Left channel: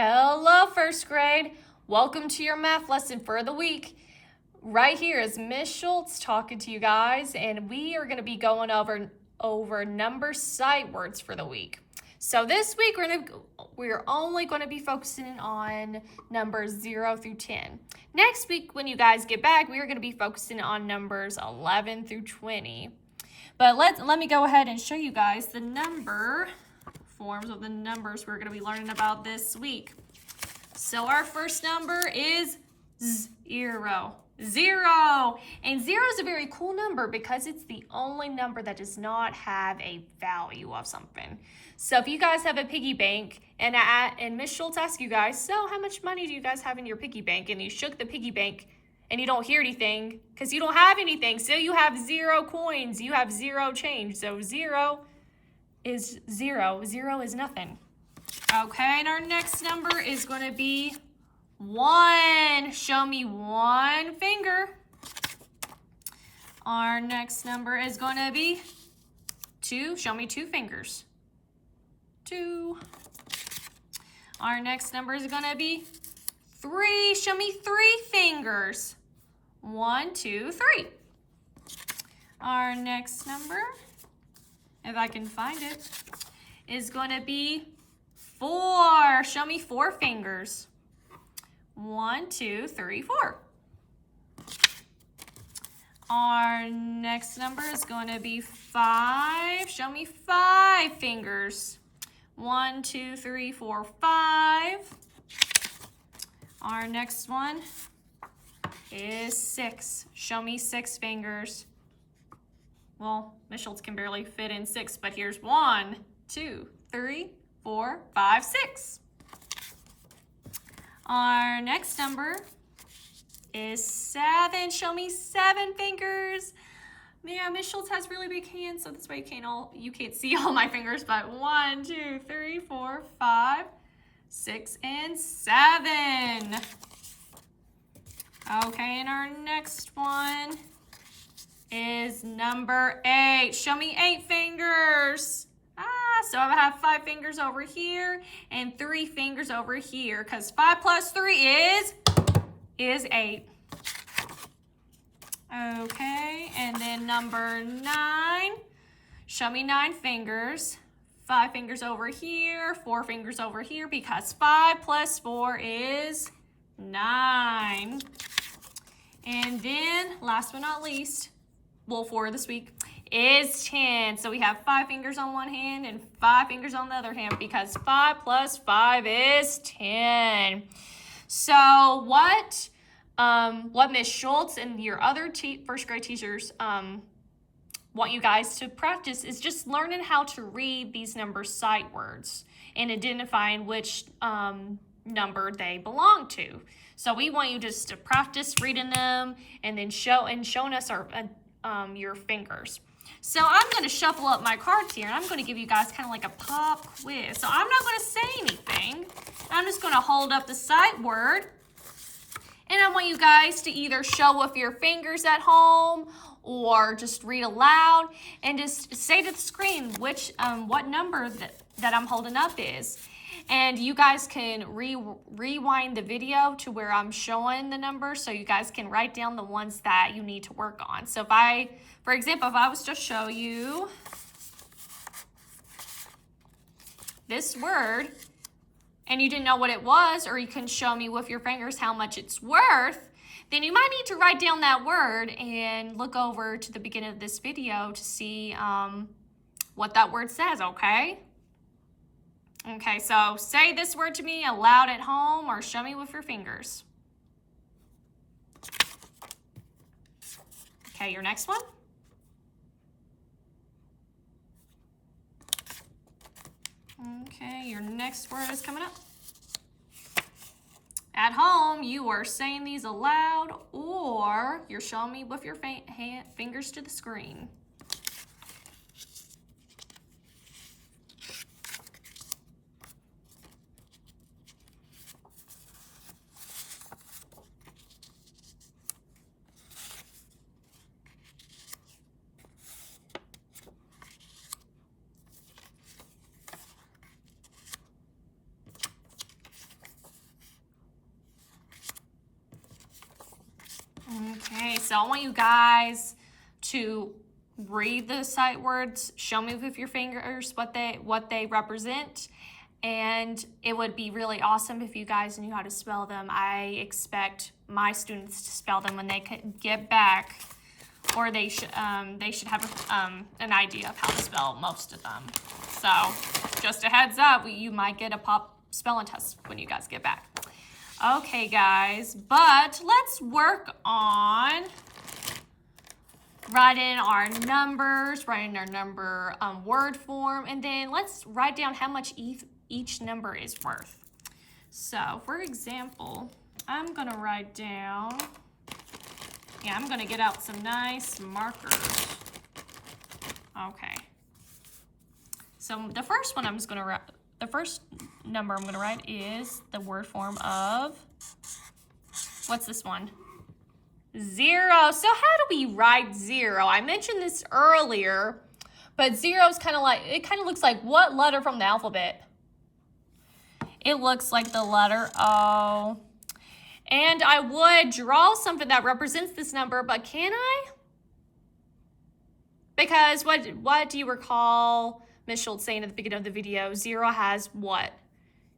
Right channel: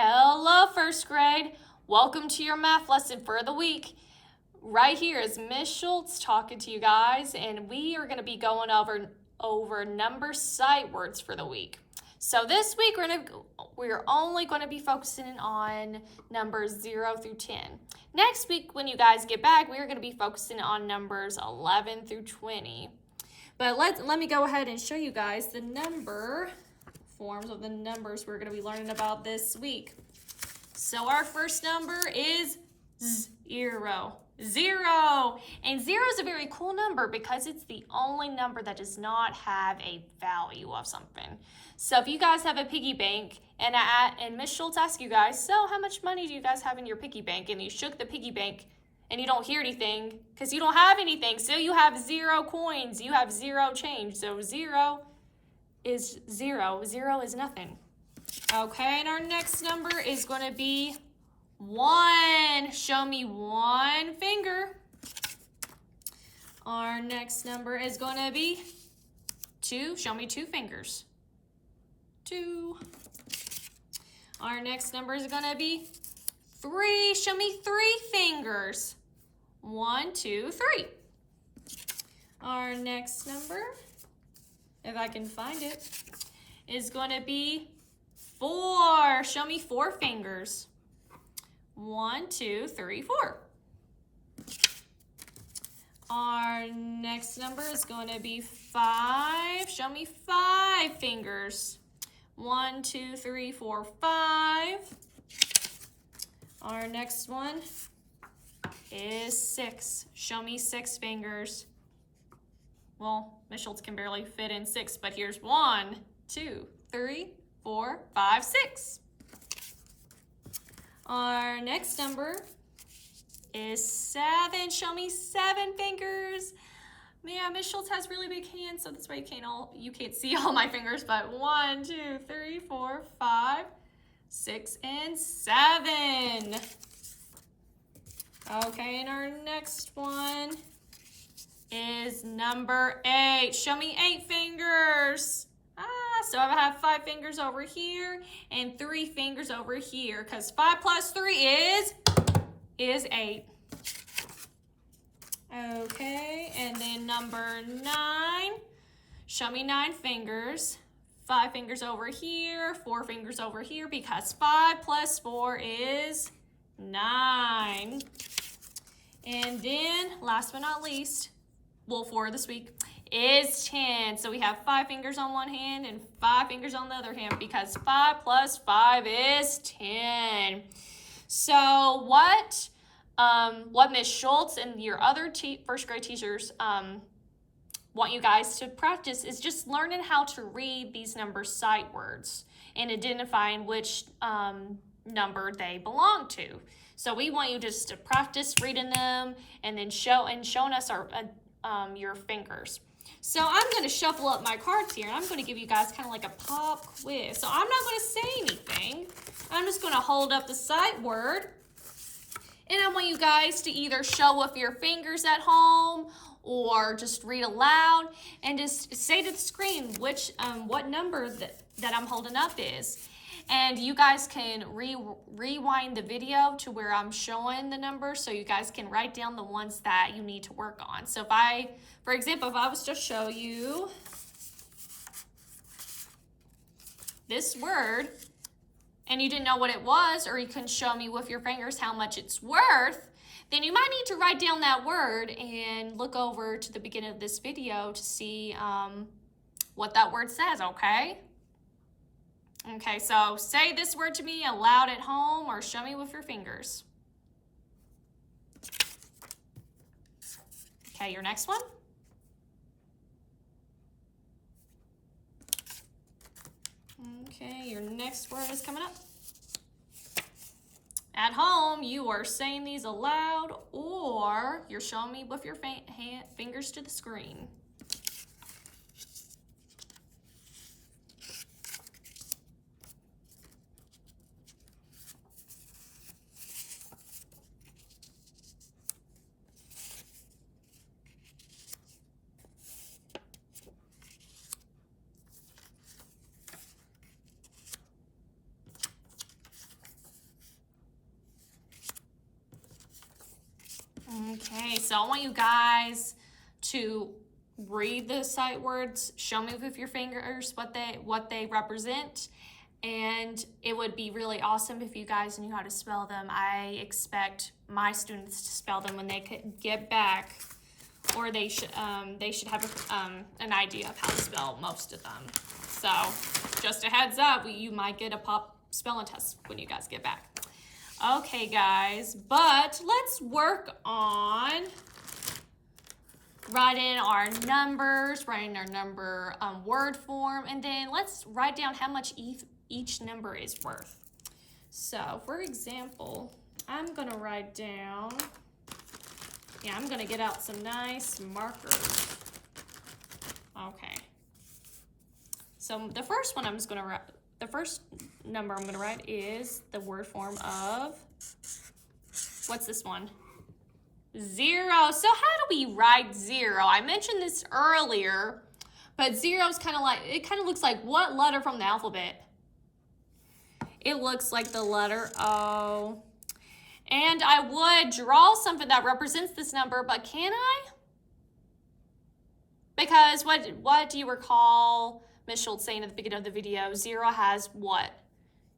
Hello, first grade. Welcome to your math lesson for the week. Right here is Miss Schultz talking to you guys, and we are going to be going over number sight words for the week. So this week we're only going to be focusing on numbers 0 through 10. Next week, when you guys get back, we are going to be focusing on numbers 11 through 20. But let me go ahead and show you guys the number forms of the numbers we're going to be learning about this week. So our first number is 0. 0. And 0 is a very cool number because it's the only number that does not have a value of something. So if you guys have a piggy bank and Miss Schultz asks you guys, so how much money do you guys have in your piggy bank? And you shook the piggy bank and you don't hear anything because you don't have anything. So you have 0 coins. You have 0 change. So 0 is 0. 0 is nothing. Okay, and our next number is going to be 1. Show me 1 finger. Our next number is going to be 2. Show me 2 fingers. 2. Our next number is going to be 3. Show me 3 fingers. 1, 2, 3. Our next number, if I can find it, is going to be 4. Show me 4 fingers. 1, 2, 3, 4. Our next number is going to be 5. Show me 5 fingers. 1, 2, 3, 4, 5. Our next one is 6. Show me 6 fingers. Well, Miss Schultz can barely fit in 6, but here's 1, 2, 3, 4, 5, 6. Our next number is 7. Show me 7 fingers. Yeah, Miss Schultz has really big hands, so that's why you can't see all my fingers, but 1, 2, 3, 4, 5, 6, and 7. Okay, and our next one is number 8. Show me 8 fingers. So I have 5 fingers over here and 3 fingers over here because 5 plus 3 is 8. Okay, and then number 9. Show me 9 fingers. 5 fingers over here, 4 fingers over here because 5 plus 4 is 9. And then, last but not least, for this week, is 10. So we have 5 fingers on one hand and 5 fingers on the other hand because 5 plus 5 is 10. So what Miss Schultz and your other first grade teachers want you guys to practice is just learning how to read these number sight words and identifying which number they belong to. So we want you just to practice reading them and then showing us your fingers. So I'm going to shuffle up my cards here and I'm going to give you guys kind of like a pop quiz. So I'm not going to say anything. I'm just going to hold up the sight word and I want you guys to either show with your fingers at home or just read aloud and just say to the screen what number that I'm holding up is. And you guys can rewind the video to where I'm showing the numbers so you guys can write down the ones that you need to work on. So for example, if I was to show you this word and you didn't know what it was, or you can show me with your fingers how much it's worth, then you might need to write down that word and look over to the beginning of this video to see what that word says, okay? Okay, so say this word to me aloud at home or show me with your fingers. Okay, your next one. Okay, your next word is coming up. At home, you are saying these aloud or you're showing me with your fingers to the screen. So I want you guys to read the sight words, show me with your fingers what they represent, and it would be really awesome if you guys knew how to spell them. I expect my students to spell them when they get back, or they should have an idea of how to spell most of them. So just a heads up, you might get a pop spelling test when you guys get back. Okay, guys, but let's work on writing our numbers, writing our number word form, and then let's write down how much each number is worth. So, for example, I'm going to write down, I'm going to get out some nice markers. Okay. So, the first number I'm going to write is the word form of, what's this one? 0. So how do we write 0? I mentioned this earlier, but 0 is kind of looks like what letter from the alphabet? It looks like the letter O. And I would draw something that represents this number, but can I? Because what do you recall Ms. Schultz saying at the beginning of the video? 0 has what?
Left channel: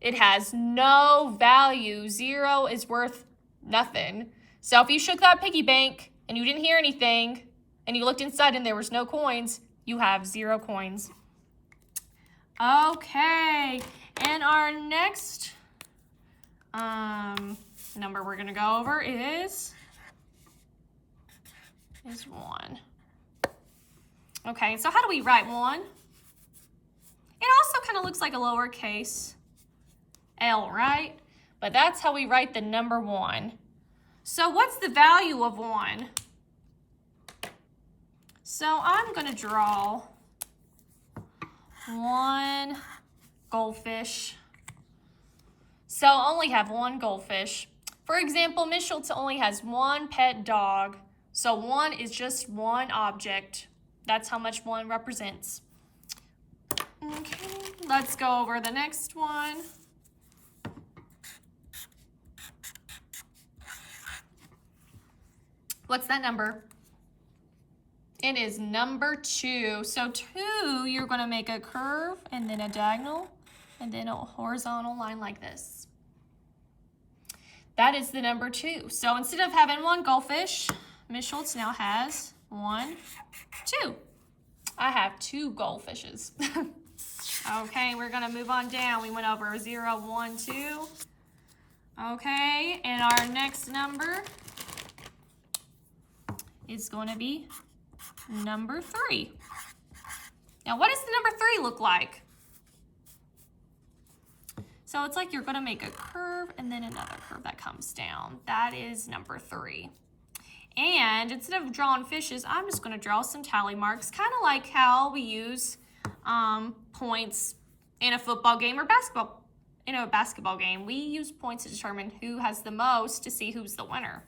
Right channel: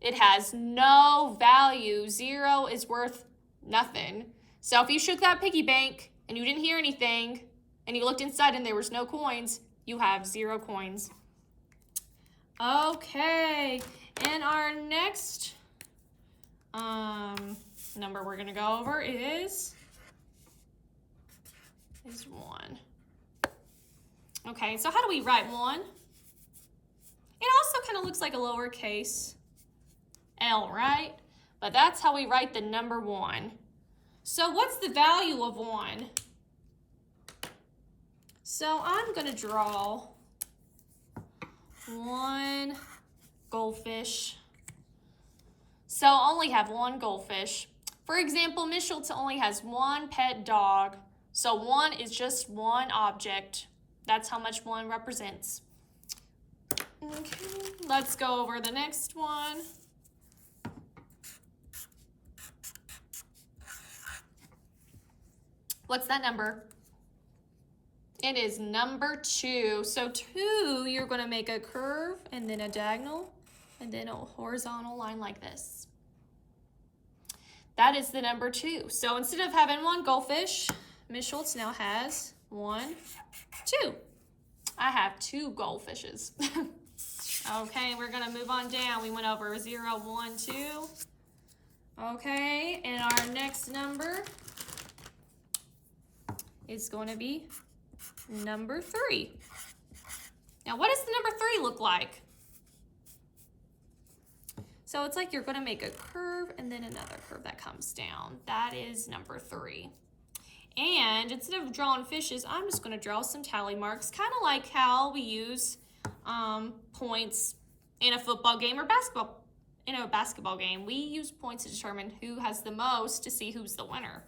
It has no value. 0 is worth nothing. So if you shook that piggy bank and you didn't hear anything and you looked inside and there was no coins, you have 0 coins. Okay, and our next number we're gonna go over is 1. Okay, so how do we write 1? It also kind of looks like a lowercase l, right? But that's how we write the number 1. So what's the value of 1? So I'm going to draw 1 goldfish. So I only have 1 goldfish. For example, Ms. Schultz only has 1 pet dog. So 1 is just 1 object. That's how much 1 represents. Okay, let's go over the next one. What's that number? It is number 2. So 2, you're going to make a curve and then a diagonal and then a horizontal line like this. That is the number 2. So instead of having 1 goldfish, Ms. Schultz now has 1, 2. I have 2 goldfishes. Okay, we're going to move on down. We went over 0, 1, 2. Okay, and our next number is going to be number 3. Now, what does the number 3 look like? So it's like you're going to make a curve and then another curve that comes down. That is number 3. And instead of drawing fishes, I'm just going to draw some tally marks, kind of like how we use points in a football game or basketball. In a basketball game, we use points to determine who has the most to see who's the winner.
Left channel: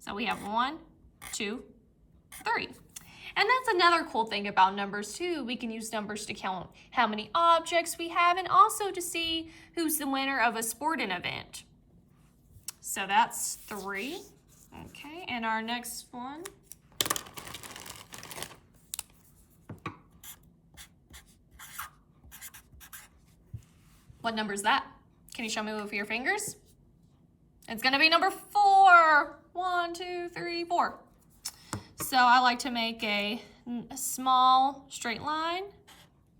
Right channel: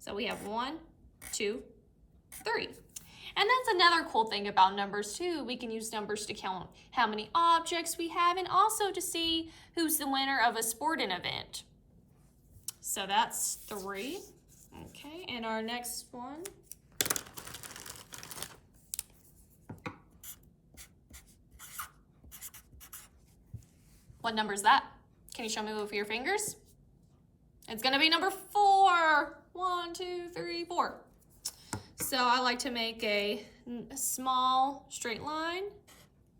So we have 1, 2, 3. And that's another cool thing about numbers too. We can use numbers to count how many objects we have and also to see who's the winner of a sporting event. So that's 3. Okay, and our next one. What number is that? Can you show me with your fingers? It's gonna be number 4. 1, 2, 3, 4. So I like to make a small straight line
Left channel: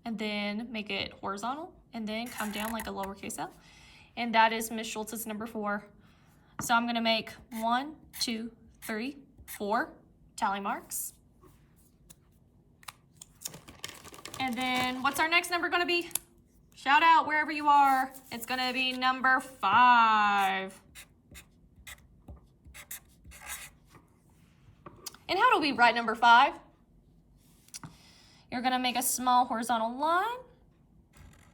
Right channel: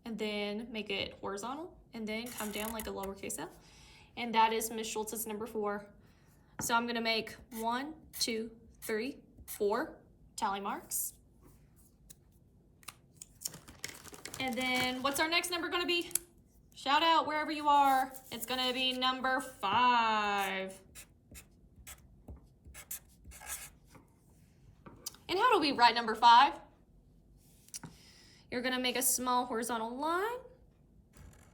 and then make it horizontal and then come down like a lowercase l. And that is Ms. Schultz's number 4. So I'm gonna make 1, 2, 3, 4 tally marks. And then what's our next number gonna be? Shout out wherever you are. It's gonna be number 5. And how do we write number 5? You're gonna make a small horizontal line,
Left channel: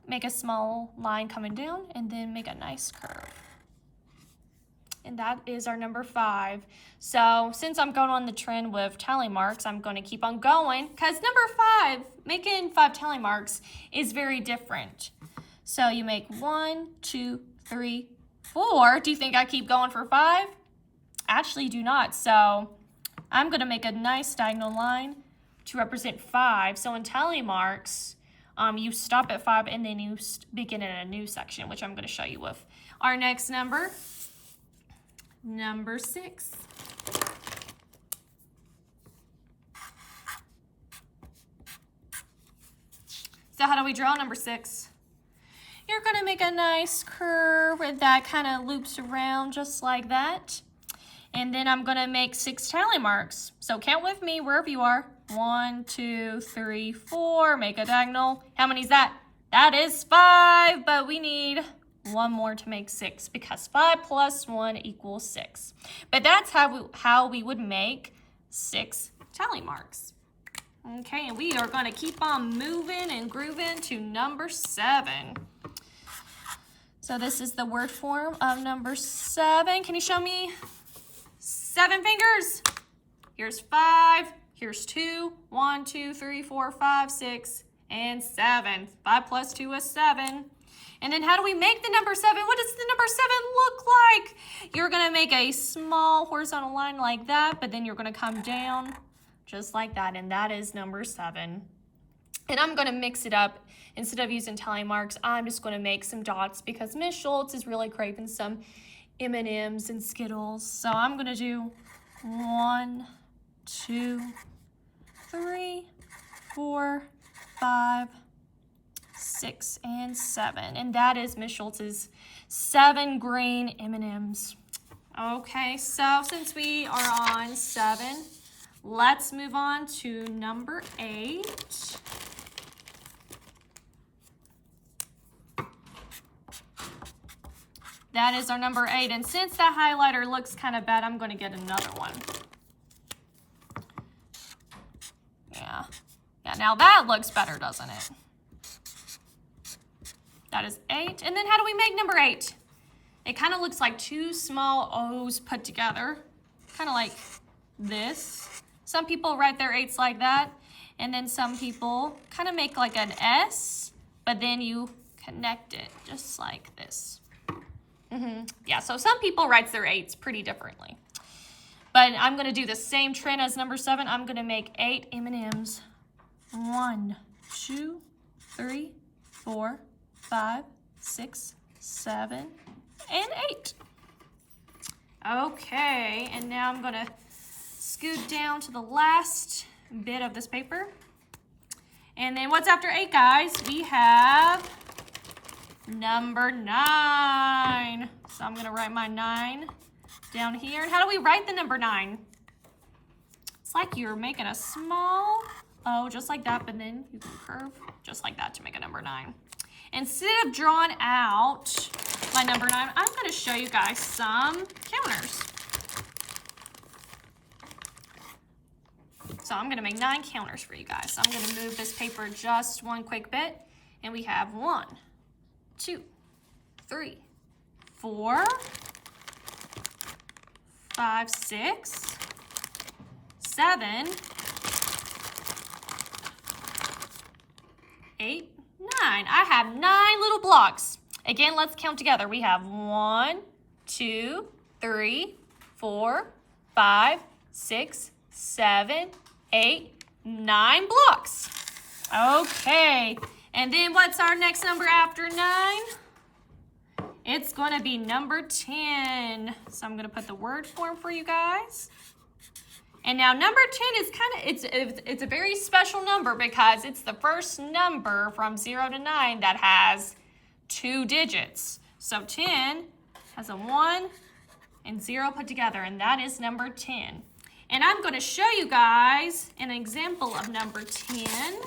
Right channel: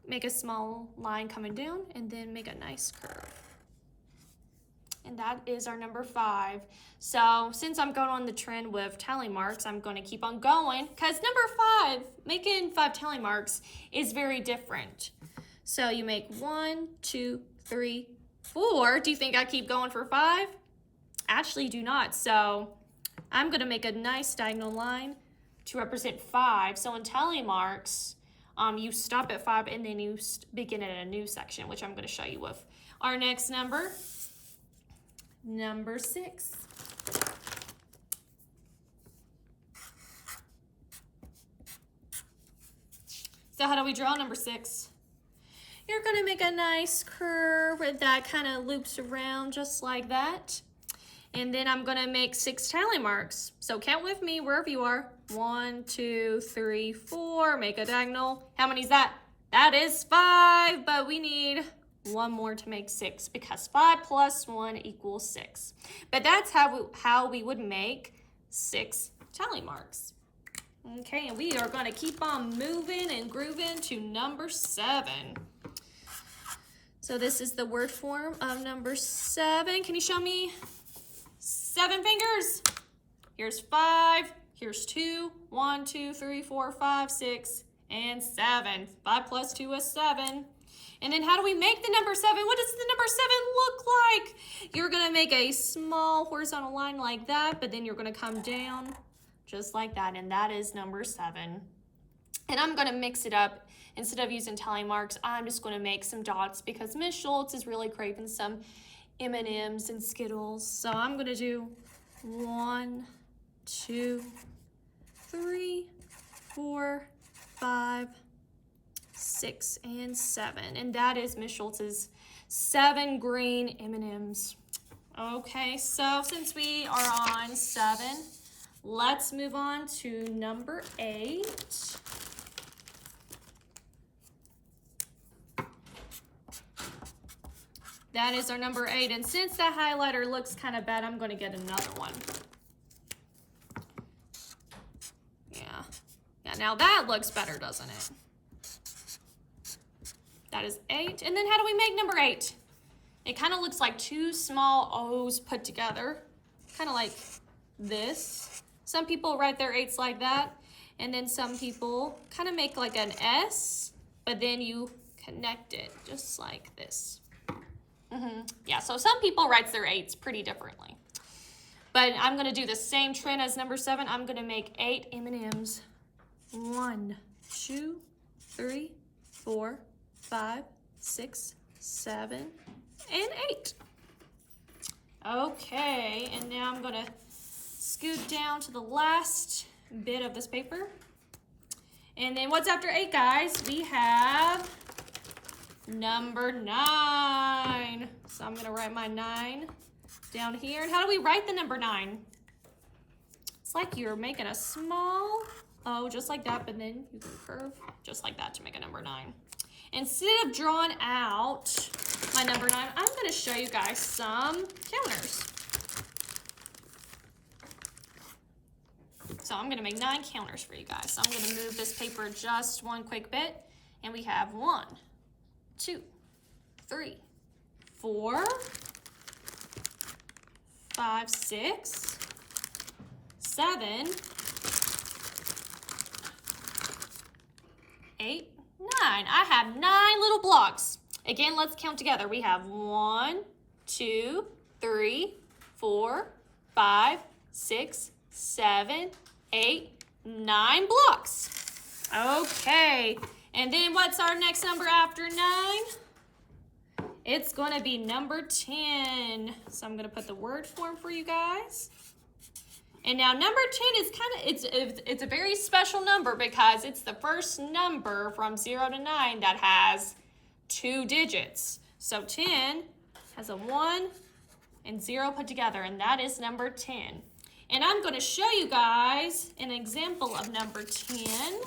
make a small line coming down, and then make a nice curve. And that is our number 5. So since I'm going on the trend with tally marks, I'm gonna keep on going because number 5, making 5 tally marks is very different. So you make 1, 2, 3, 4. Do you think I keep going for 5? Actually do not. So I'm going to make a nice diagonal line to represent 5. So in tally marks, you stop at 5 and then you begin at a new section, which I'm going to show you with our next number, number 6. So how do we draw number 6? You're going to make a nice curve that kind of loops around just like that. And then I'm going to make 6 tally marks. So count with me wherever you are. 1, 2, 3, 4. Make a diagonal. How many is that? That is 5, but we need one more to make 6 because 5 plus 1 equals 6. But that's how we would make 6 tally marks. Okay, and we are going to keep on moving and grooving to number 7. So this is the word form of number 7. Can you show me 7 fingers? Here's 5, here's 2, 1, 2, 3, 4, 5, 6, and 7. 5 plus 2 is 7. And then how do we make the number 7? What does the number 7 look like? You're going to make a small horizontal line like that, but then you're going to come down just like that, and that is number 7. And I'm going to mix it up. Instead of using tally marks, I'm just going to make some dots because Miss Schultz is really craving some M&Ms and Skittles. So I'm going to do 1, 2, 3, 4, 5, 6, and 7. And that is Miss Schultz's 7 green M&Ms. Okay, so since we are on 7, let's move on to number 8. That is our number 8. And since that highlighter looks kind of bad, I'm going to get another one. Yeah, now that looks better, doesn't it? That is 8. And then how do we make number 8? It kind of looks like 2 small O's put together, kind of like this. Some people write their 8s like that, and then some people kind of make like an S, but then you connect it just like this. Yeah, so some people write their 8s pretty differently. But I'm going to do the same trend as number 7. I'm going to make 8 M&Ms. 1, 2, 3, 4, 5, 6, 7, and 8. Okay, and now I'm going to scoot down to the last bit of this paper. And then what's after 8, guys? We have number 9. So I'm going to write my 9 down here. And how do we write the number 9? It's like you're making a small O just like that, but then you can curve just like that to make a number 9. Instead of drawing out my number 9, I'm going to show you guys some counters. So I'm going to make 9 counters for you guys. So I'm going to move this paper just one quick bit. And we have 1, 2, 3, 4, 5, 6, 7, 8, 9. I have 9 little blocks. Again, let's count together. We have 1, 2, 3, 4, 5, 6, 7, 8, 9 blocks. Okay, and then what's our next number after 9? It's going to be number 10. So I'm going to put the word form for you guys. And now number 10 is it's a very special number because it's the first number from 0 to 9 that has 2 digits. So 10 has a 1 and 0 put together, and that is number 10. And I'm going to show you guys an example of number 10.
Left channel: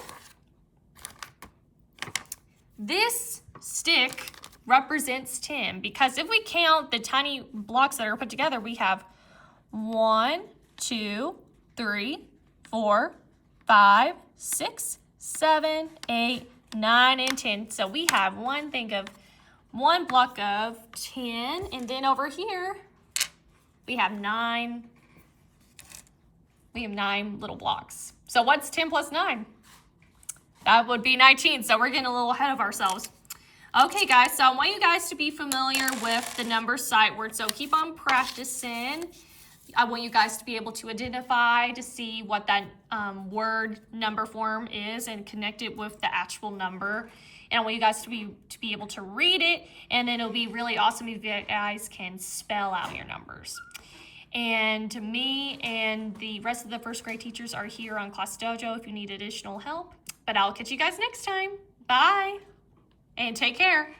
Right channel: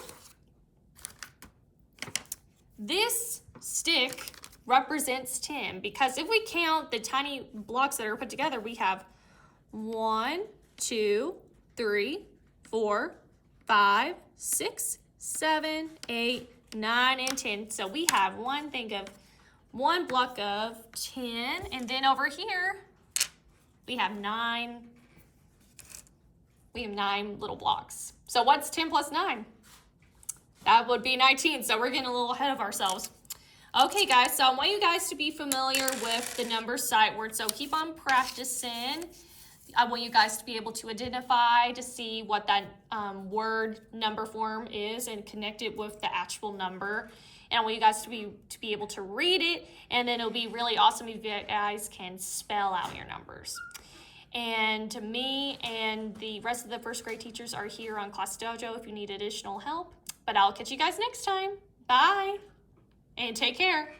This stick represents 10 because if we count the tiny blocks that are put together, we have 1, 2, 3, 4, 5, 6, 7, 8, 9, and 10. So we have one block of 10, and then over here we have 9. We have 9 little blocks. So what's 10 plus 9? That would be 19. So we're getting a little ahead of ourselves. Okay, guys, so I want you guys to be familiar with the number sight word. So keep on practicing I want you guys to be able to identify, to see what that word number form is and connect it with the actual number. And I want you guys to be able to read it, and then it'll be really awesome if you guys can spell out your numbers. And me and the rest of the first grade teachers are here on Class Dojo if you need additional help. But I'll catch you guys next time. Bye, and take care.